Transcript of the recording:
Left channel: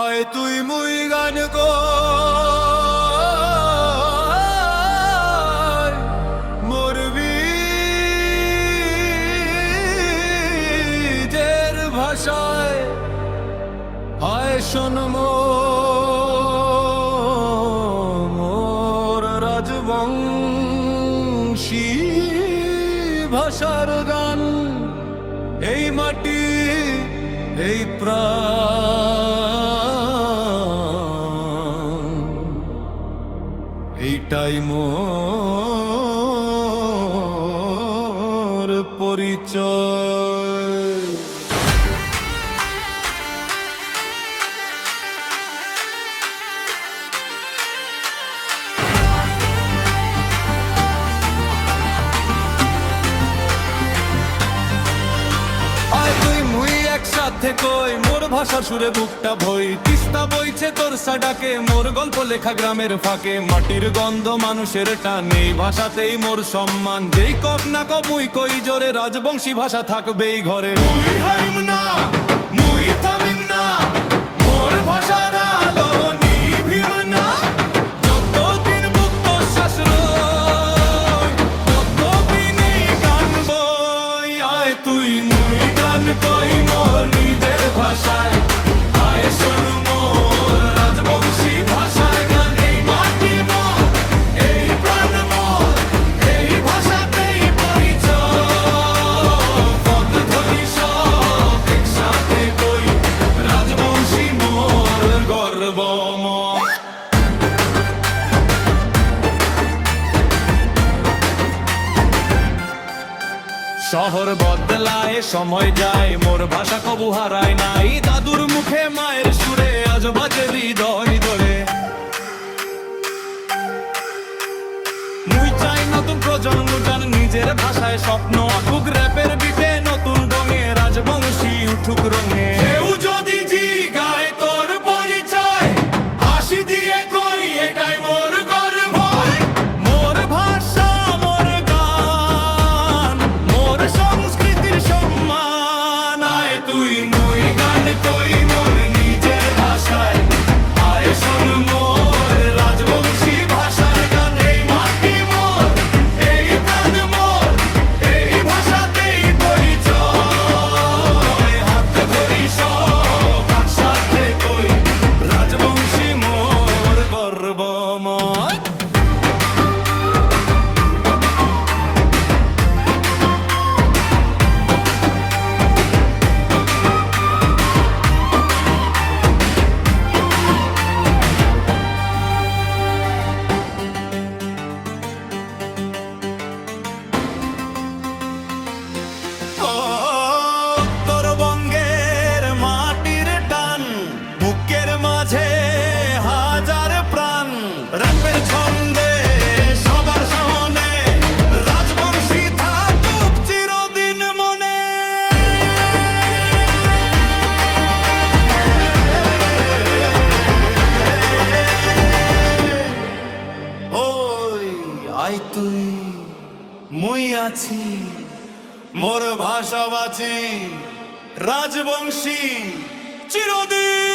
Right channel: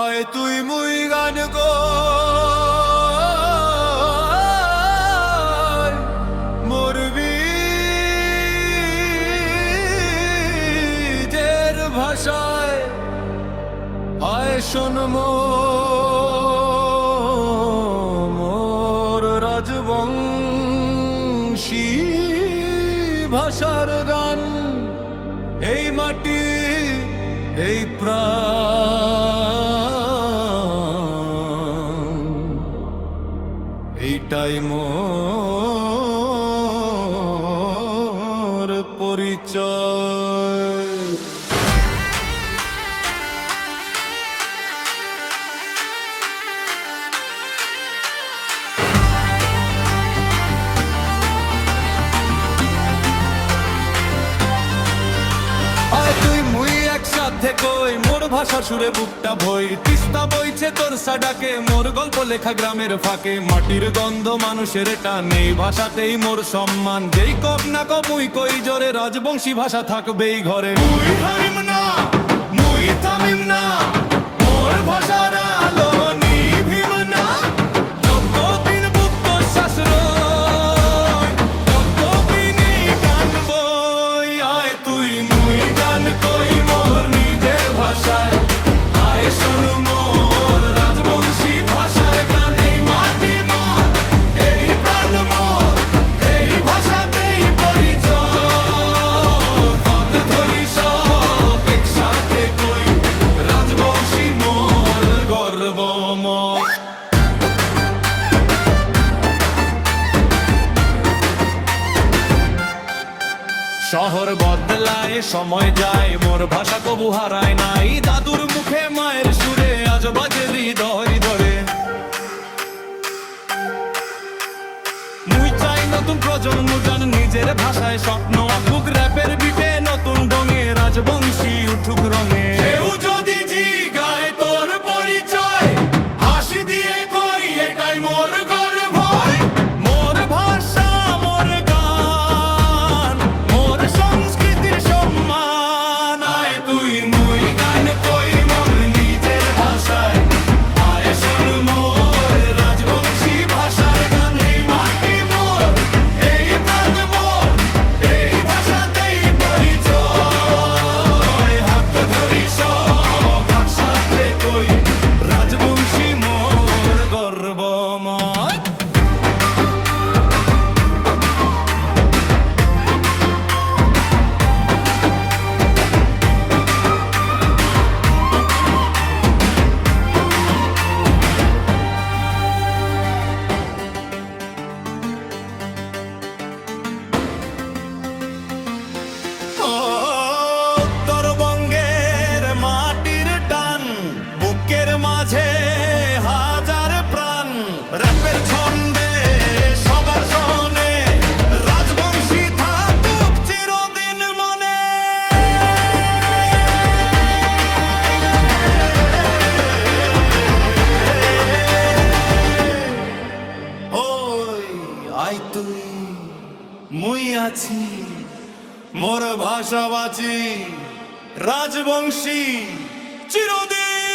আয় তুই মুই গান গো মরবি দের ভাষায় আয় শোন মোর রাজবংশী ভাষার গান এই মাটি এই প্রাণ এইটাই মোর পরিচয়। তুই মুই একসাথে কই মোর ভাষার সুরে বুকটা ভই তিস্তা বইছে তোর সাডাকে মোর গল্প লেখা গ্রামের ফাঁকে মাটির গন্ধ মানুষের টান এই ভাষাতেই মোর সম্মান যেই কক না কপ মুই কই জোরে রাজবংশী ভাষা থাকবেই ঘরে। মুই হারিম না মুই থামিম না মোর ভাষার আলো নিভিম না যতদিন বুক তোর শাস্ত্রয় ততদিনই গান বই। আয় তুই মুই গান কই মোর নিজের ভাষায় আয় শোন মোর রাজবংশী ভাষার গান এই মাটি মোর এই প্রাণ মোর এই ভাষাতেই পরিচয় পথ ধরি সব একসাথে কই রাজবংশী মোর গর্বময়। শহর বদলায় সময় যায় মোর ভাষা কবু হারায় নাই দাদুর মুখে মায়ের সুরে আজ বাজে হৃদয় ধরে। মুই চাই নতুন প্রজন্ম জান নিজের ভাষায় স্বপ্ন আঁকুক র্যাপের বিটে নতুন ঢঙে রাজবংশী উঠুক রঙে। কেউ যদি জিগায় তোর পরিচয় হাসি দিয়ে কই এটাই মোর গর্ব মোর ভাষা মোর গান মোর সংস্কৃতির সম্মান। আয় তুই মুই গান কই মোর নিজের ভাষায় আয় শোন মোর রাজবংশী ভাষার গান এই মাটি মোর এই প্রাণ মোর এই ভাষাতেই পরিচয় হাত ধরি সব একসাথে কই রাজবংশী মোর গর্বময়। উত্তরবঙ্গের মাটির টান বুকের মাঝে হাজার প্রাণ র্যাপের ছন্দে সবার শোনে রাজবংশী থাকুক চিরদিন মনে। ওই আয় তুই মুই আছি মোর ভাষা বাঁচি রাজবংশী চিরদিন।